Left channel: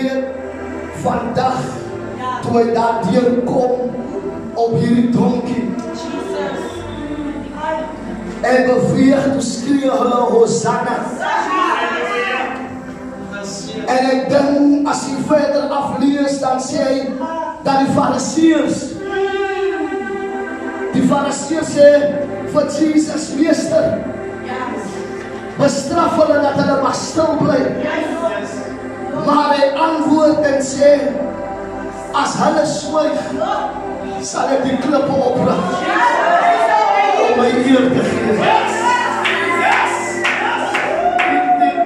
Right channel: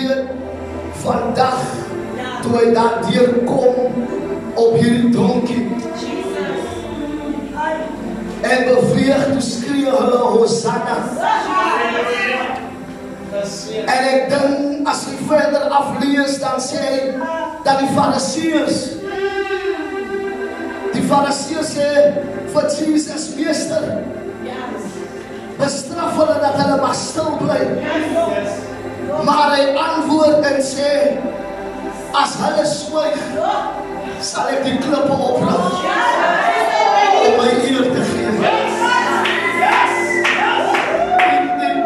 weet, vandag, toe hy daar deurkom op hierdie donkie, en beweeg, toe skree hulle Hosanna. En ek dink, as jy verder aflees, dan sê hy, dat die Fariseërs sê, vir Jesus, meester, bestraf hulle dat hulle maar stil bly. Maar hy antwoord en sê, as hulle swyg, sal ek die klippe oprig om my eer te gee.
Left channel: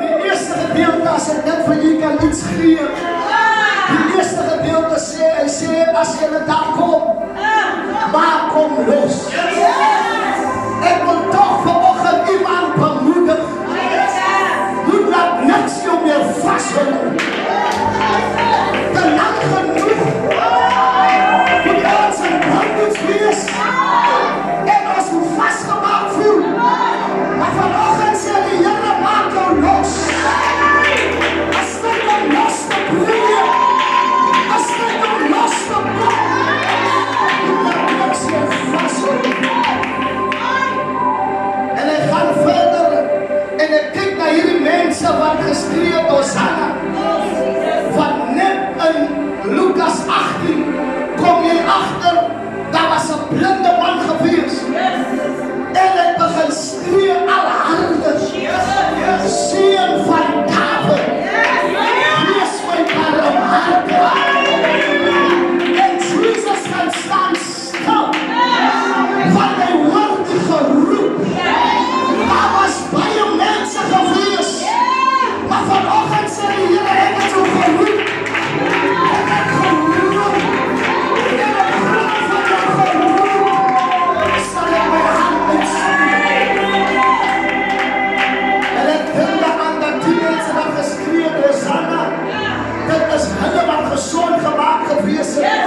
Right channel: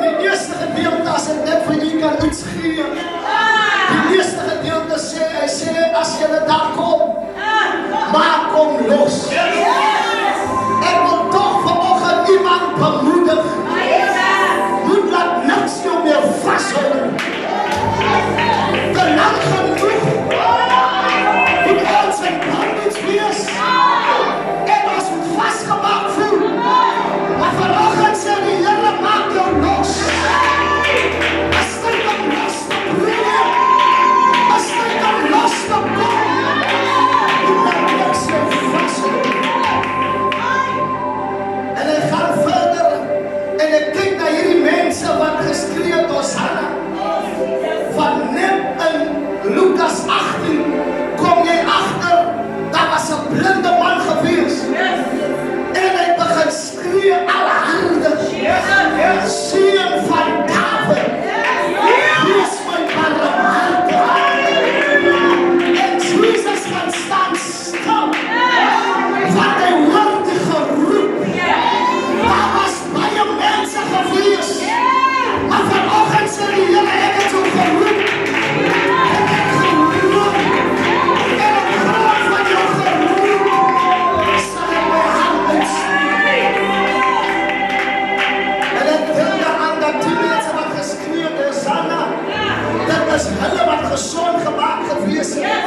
Die eerste gedeelte, as ek net vir u kan iets gee, die eerste gedeelte sê, hy sê, as julle daar kom, maak hom los. Ek wil toch vanoggend iemand bemoedig, moet laat niks jou meer vasthou. Te lang genoeg, moet ons in bondage wees, en ons moet vastgemaakt voel. Maar vanoggend sê die Here, maak jou los. As dit om los te brengen, as dit om los te kom, moet laat niks jou vasthou. En hy gaan verder, en ek kyk na hierdie mense wat geskree het, Hosanna. Want net in Lukas 18 kom jy agter, daar was 'n blinde man gewees. En hy begin skree alle hande. Seun van Dawid, wees my barmhartig. En Jesus gaan staan stil, want hy hoor die geroep. Daar was baie mense gewees, maar vanoggend sê die Here, ek het jou geroep. Ek het geroep. En op grond van jou geroep, sal ek my hand uitsteek. En ek dink aan dat die mense wat geskree het, Hosanna, dit is hulle wat gesond gemaak gewees het.